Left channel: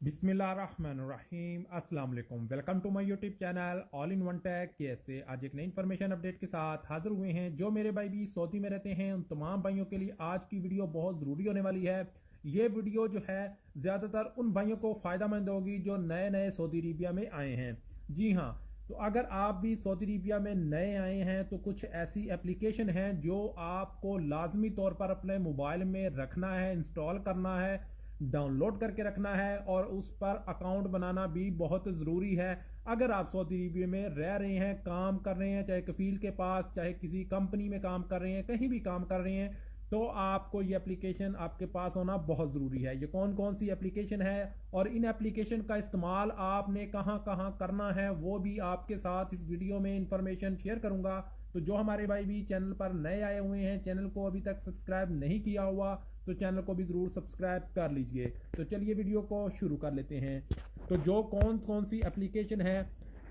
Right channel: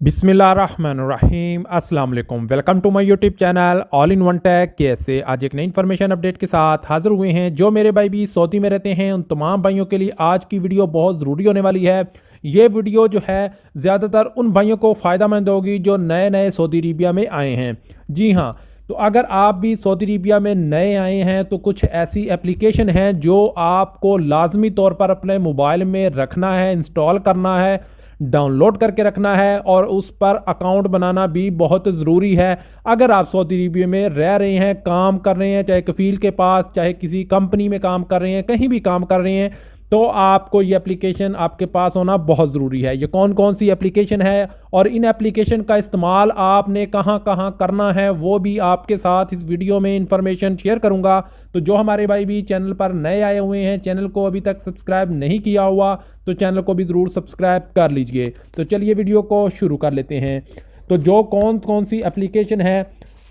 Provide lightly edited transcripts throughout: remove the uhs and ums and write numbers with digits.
बिस्मिल्लाहिर्रहमानिर्रहीम अस्सलाम वालेकुम। Welcome to my YouTube channel all in one tech. कैसे आज एक नई इन्फॉर्मेशन अपडेट के साथ हाजिर हुए हैं। जो मेरे भाई भी सऊदी में रहते हैं उन तमाम भाइयों के लिए आज की वीडियो बहुत ज़रूरी होने वाली है। ये वीडियो जो है ज़्यादातर उन भाइयों को फ़ायदेमंद होगी जो नए नए सऊदी अरबिया में आए हैं। जी हाँ, तो अगर आप भी सऊदी अरबिया में नए आए हैं तो कुछ ऐसी एप्लीकेशन हैं जो आपको लाजमी तौर पर अपने मोबाइल में रखना है, इंस्टॉल करना है, डाउनलोड करके रखना है और उस पर अकाउंट बनाना भी बहुत ज़रूरी है। अगर आप सऊदी अरबिया में रह रहे हैं, काम कर रहे हैं, चाहे कफ़ील के पास, चाहे किसी कंपनी में काम कर रहे हैं, कहीं भी काम कर रहे हैं, तो आपको ये एप्लीकेशन आपके पास होना बहुत ज़रूरी है। ये कौन कौन सी एप्लीकेशन है और इन एप्लीकेशन का इस्तेमाल आपने कहाँ कहाँ करना है वो भी आपके साथ इस वीडियो में इंफॉर्मेशन शेयर करूँगा। तो जो हमारे भाई भी चैनल पर नए आए हुए हैं, चैनल को अभी तक सब्सक्राइब नहीं किया हुआ तो चैनल को भी ज़रूर सब्सक्राइब कर लीजिए। तो चलिए वीडियो को शुरू कर लेते हैं। तो जो कौन कौन सी एप्लीकेशन है,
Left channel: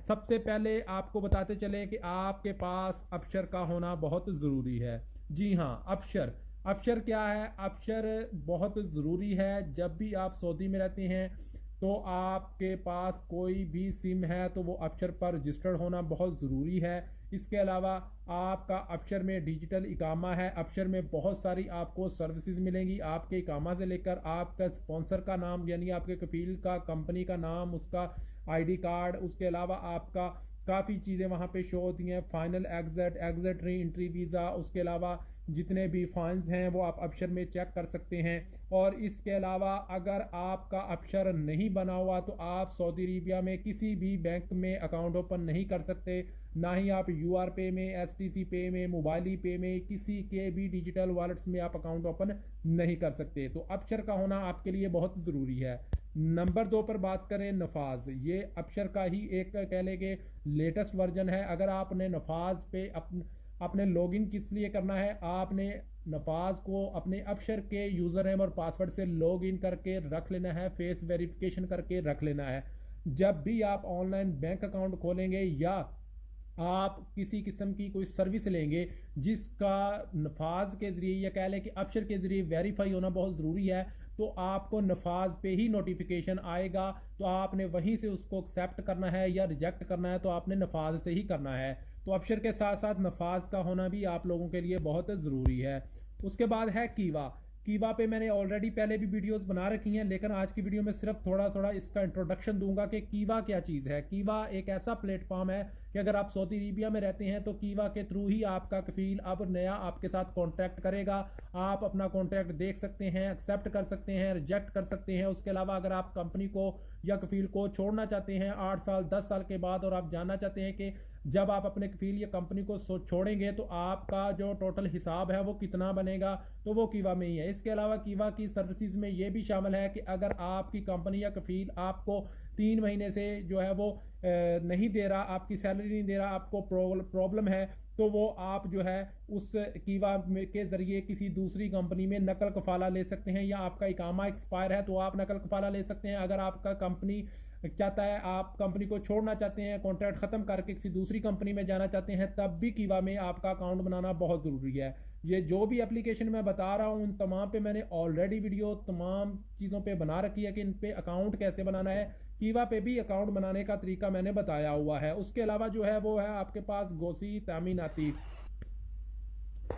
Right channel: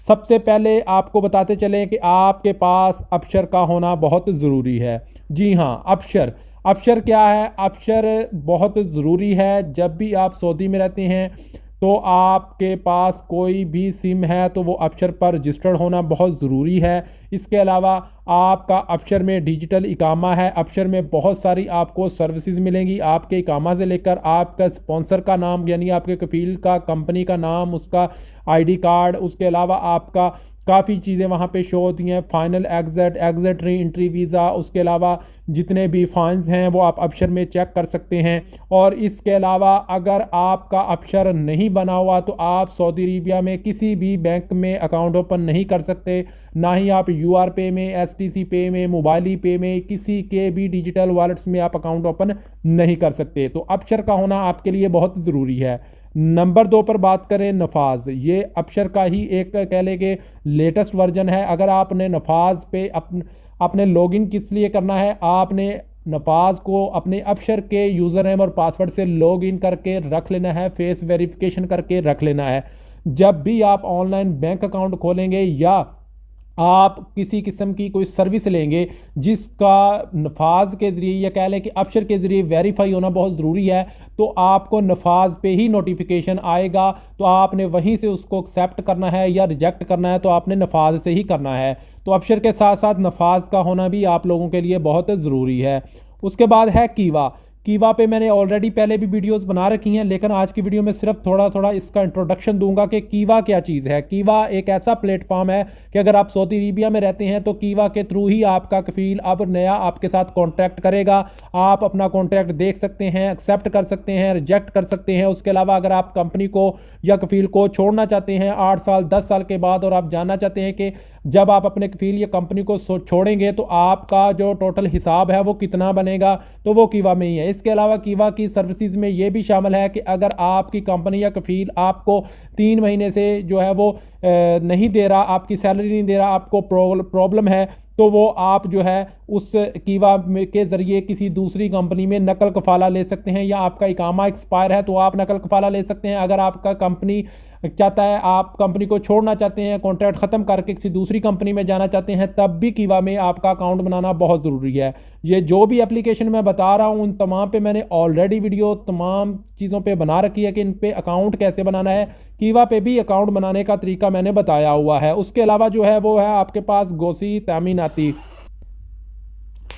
सबसे पहले आपको बताते चलें कि आपके पास अपशर का होना बहुत ज़रूरी है। जी हाँ, अपशर। अपशर क्या है? अपशर बहुत ज़रूरी है। जब भी आप सऊदी में रहते हैं तो आपके पास कोई भी सिम है तो वो अपशर पर रजिस्टर्ड होना बहुत ज़रूरी है। इसके अलावा आपका अपशर में डिजिटल इकामा है। अपशर में बहुत सारी आपको सर्विसेज मिलेंगी। आपके इकामा से लेकर आपका स्पॉन्सर का नाम यानी आपके कफील का कंपनी का नाम, उसका आईडी कार्ड, उसके अलावा आपका काफ़ी चीज़ें वहाँ पे शो होती हैं। Final exit, exit re entry visa, उसके अलावा जितने भी फाइन्स हैं वो आप अपशर में चेक कर सकते हैं। और इसके अलावा अगर आपका अपशर नहीं बना हुआ तो आप सऊदी अरबिया में किसी भी बैंक में अकाउंट ओपन नहीं कर सकते। ना ही आप यूआर पे में, एसटीसी पे में, मोबाइली पे में, किसी के भी डिजिटल वॉलेट्स में आप अकाउंट ओपन नहीं कर सकते। तो अपशर का होना आपके लिए बहुत ज़रूरी है। नंबर 2 पर बात करें नफाज। ये अपशर का ही एक कह लें कि लेटेस्ट वर्जन है। अगर आपने नफाज पे अपने लॉगिन किस लिए करना है, आपने नफाज को अपने अपशर के यूज़र नेम और पासवर्ड से लॉगिन करके रख लेना है, फेस वेरिफिकेशन करके रख लेना है। जब भी आप ऑनलाइन बैंक अकाउंट खोलेंगे या आप किसी किस्म की कोई सर्विस लेंगे जिसका नफाज के ज़रिए या कह लें कि अपशर के ज़रिए वेरीफाई होना बहुत ज़रूरी है, तो आपको नफाज पे ही नोटिफिकेशन आएगा। तो आपने वहीं से उसको एक्सेप्ट करना है या रिजेक्ट करना है तो आपने नफाज से ही करना है। तो अपशर के साथ साथ नफाज का होना भी आप लोगों के लिए बहुत ज़रूरी है। उसके बाद है कीवा। कीवा पे मैंने ऑलरेडी पहले भी वीडियोस बना रखी हैं, लेकिन आज की वीडियो में सिर्फ थोड़ा थोड़ा इसका इंट्रोडक्शन दूंगा कि कीवा क्या चीज़ है। कीवा एक ऐसा प्लेटफॉर्म है कि अगर आप सऊदी अरबिया में रहते हैं तो कीवा के थ्रू ही आपका कफील अब नया आपके साथ कॉन्टैक्ट करेगा। आप अपना कॉन्ट्रैक्ट देख सकते हैं, एक्सेप्ट कर सकते हैं, रिजेक्ट कर सकते हैं। उसके अलावा अगर आप कंपनी को या कफील को छोड़ना चाहते हैं 8 साल 10 साल के बाद और आप जानना चाहते हैं कि जब आप अपने कफील या कंपनी को छोड़ेंगे तो आपका जो टोटल हिसाब है वो कितना बनेगा, तो वो कीवा में ही है। इसके अलावा कीवा की सर्विसेज में ये भी शामिल है कि अगर आपकी कंपनी या कफील आपको 3 महीने से जो है वो नहीं दे रहा, आपकी सैलरी नहीं दे रहा, आपको प्रॉब्लम है, तो वो आप जो है उस कीवा के ज़रिए किसी दूसरी कंपनी में नकल कफ़ाला ले सकते हैं। या आपका इकामा एक्सपायर है तो आप नकल कफ़ाला ले सकते हैं। अगर आपका कंपनी चाहता है, आप कंपनी को छोड़ना चाहते हैं, कॉन्ट्रैक्ट ख़त्म करके किसी दूसरी कंपनी में जाना चाहते हैं, तब भी कीवा में आपका अकाउंट बनाना बहुत ज़रूरी है। ये जो भी एप्लीकेशन मैं बता रहा हूँ उन तमाम पे मैंने ऑलरेडी वीडियो तमाम चीज़ों पे बना रखी है कि इन पे अकाउंट कैसे बनाना है। कीवा पे भी अकाउंट बनाने का तरीका मैंने बताया हुआ है। उसके अलावा जो है वो है आपके पास गोसी तामीनाती।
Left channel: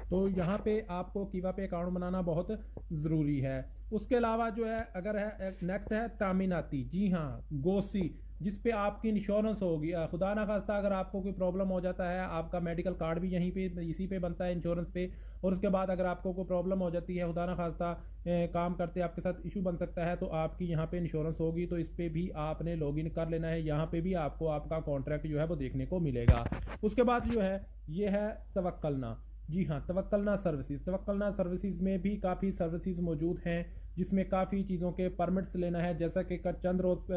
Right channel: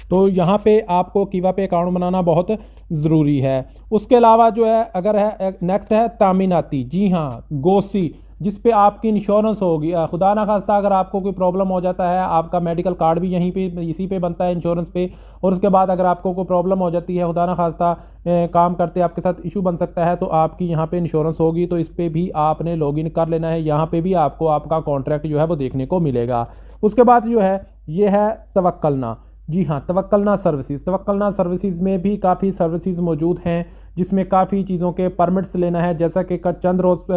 तो यहाँ पे आपको कीवा पे अकाउंट बनाना बहुत ज़रूरी है। उसके अलावा जो है अगर है नेक्स्ट है तामीनाती। जी हाँ, गोसी, जिस पे आपकी इंश्योरेंस होगी। खुदा ना खास्ता अगर आपको कोई प्रॉब्लम हो जाता है, आपका मेडिकल कार्ड भी यहीं पे इसी पे बनता है, इंश्योरेंस पे। और उसके बाद अगर आपको कोई प्रॉब्लम हो जाती है, खुदा ना खास्ता काम करते आपके साथ इशू बन सकता है, तो आपकी यहाँ पे इंश्योरेंस होगी, तो इस पर भी आपने लॉगिन कर लेना है। यहाँ पे भी आपको आपका कॉन्ट्रैक्ट जो है वो देखने को मिलेगा। उसके बाद जो है ये है तवक्कलना। जी हाँ, तवक्कलना सर्विसेज। तवक्कलना सर्विसेज में भी काफ़ी सर्विसेज मौजूद हैं जिसमें काफ़ी चीज़ों के परमिट्स लेना है। जैसा कि चंद रोज़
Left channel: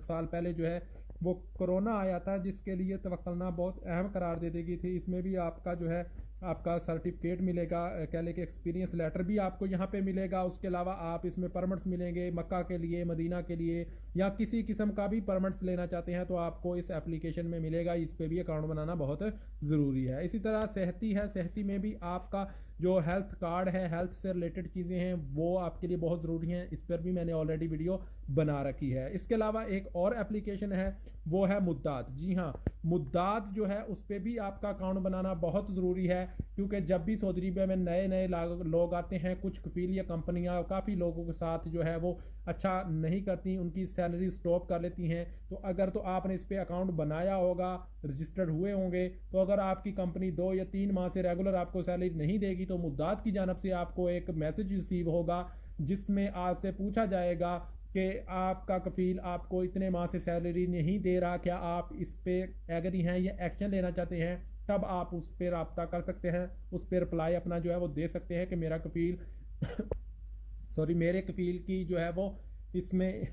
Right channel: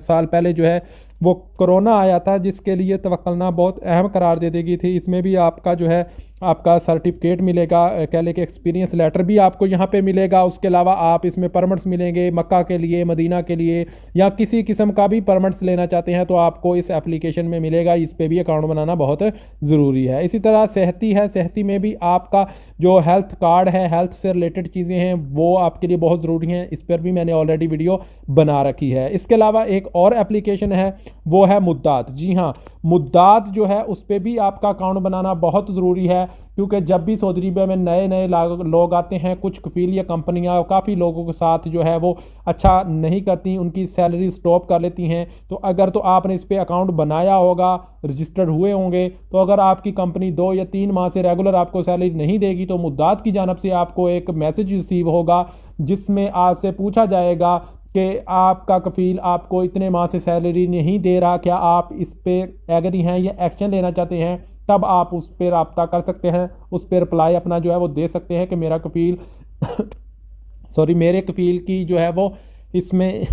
साल पहले जो है वो कोरोना आया था जिसके लिए तवक्कलना बहुत अहम करार दे दी गई थी। इसमें भी आपका जो है आपका सर्टिफिकेट मिलेगा, कह लें कि एक्सपीरियंस लेटर भी आपको यहाँ पे मिलेगा। उसके अलावा आप इसमें परमिट्स मिलेंगे मक्का के लिए, मदीना के लिए, या किसी किस्म का भी परमिट्स लेना चाहते हैं तो आपको इस एप्लीकेशन में मिलेगा। इस पे भी अकाउंट बनाना बहुत ज़रूरी है। इसी तरह सेहती है, सेहती में भी आपका जो हेल्थ कार्ड है, हेल्थ से रिलेटेड चीज़ें हैं, वो आपके लिए बहुत ज़रूरी हैं। इस पर भी मैंने ऑलरेडी वीडियो बना रखी है। इसके अलावा एक और एप्लीकेशन है, वो है मुद्दात। जी हाँ, मुद्दात जो है उस पर भी आपका अकाउंट बनाना बहुत ज़रूरी है, क्योंकि जब भी सऊदी अरबिया में नए नए लोग आते हैं, कुछ कफील या कंपनियां काफ़ी लोगों के साथ जो है वो अच्छा नहीं करती, उनकी सैलरी स्टॉप कर लेती हैं। तो अगर तो आपने इस पर अकाउंट बनाया होगा, रजिस्टर्ड हुए होंगे, तो अगर आपकी कंपनी 2 या 3 माह से रेगुलर आपको सैलरी नहीं देगी तो मुद्दात की जानब से आपको एक मैसेज रिसीव होगा, जिसमें आपसे पूछा जाएगा कि आपका कफील आपको इतने माह से सैलरी नहीं दे रहा, क्या आप इस पर एग्री हैं या एक्शन लेना चाहते हैं। तब आप उस पर रब्ता कर सकते हैं, उस पर रिप्लाई अपना जो है वो दे सकते हैं कि मेरा कफील सॉरी, मेरे कफील की जो है वो इसमें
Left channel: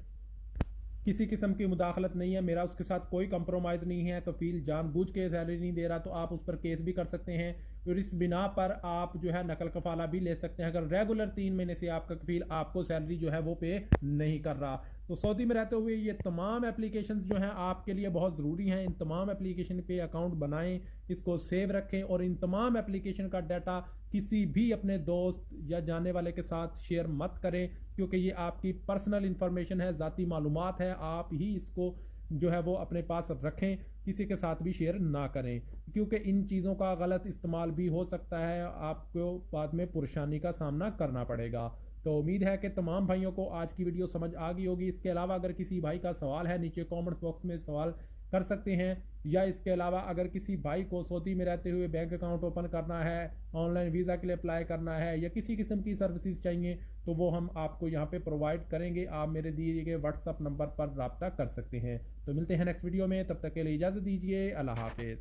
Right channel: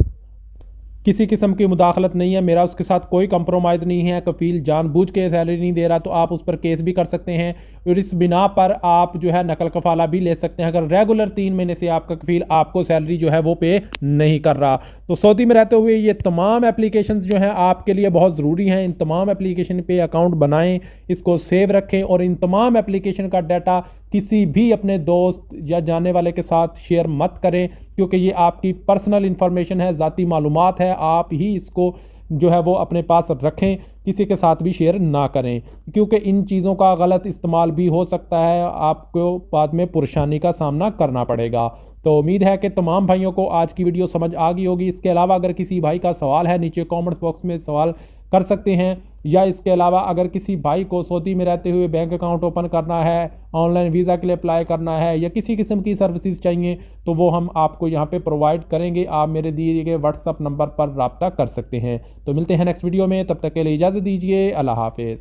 किसी किस्म की मुदाखलत नहीं है, मेरा उसके साथ कोई कंप्रोमाइज़ नहीं है, कफील जानबूझ के सैलरी नहीं दे रहा, तो आप उस पर केस भी कर सकते हैं। और इस बिना पर आप जो है नकल कफाला भी ले सकते हैं, अगर रेगुलर 3 महीने से आपका कफील आपको सैलरी जो है वो पे नहीं कर रहा। तो सऊदी में रहते हुए ये तमाम एप्लीकेशन जो हैं आपके लिए बहुत ज़रूरी हैं। इन तमाम एप्लीकेशन पे अकाउंट बनाएं, इसको सेव रखें, और इन तमाम एप्लीकेशन का डाटा किसी भी अपने दोस्त या जानने वाले के साथ शेयर मत करें, क्योंकि ये आपकी पर्सनल इंफॉर्मेशन है, ज़ाती मालूमात है। आप ही इसको जो है वो अपने पास रखें, किसी के साथ भी शेयर ना करें, क्योंकि इन चीज़ों का गलत इस्तेमाल भी हो सकता है, आपको बाद में परेशानी का सामना करना पड़ेगा। तो उम्मीद है कि तमाम भाइयों को आज की वीडियो समझ आ गई होगी। इसके अलावा अगर किसी भाई का सवाल है, नीचे कमेंट बॉक्स में सवाल कर सकते हैं, या इसके अलावा अगर किसी भाई को सऊदी में रहते हुए बैंक अकाउंट ओपन करना है, ऑनलाइन वीज़ा के लिए अप्लाई करना है, या किसी किस्म की सर्विसेज चाहिए, तो वो हम आपको यहाँ पे प्रोवाइड करेंगे। आप मेरे दिए गए व्हाट्सअप नंबर पर रब्ता कर सकते हैं। तो मिलते हैं नेक्स्ट वीडियो में, तब तक के लिए इजाज़त दीजिए। अल्लाह हाफिज़।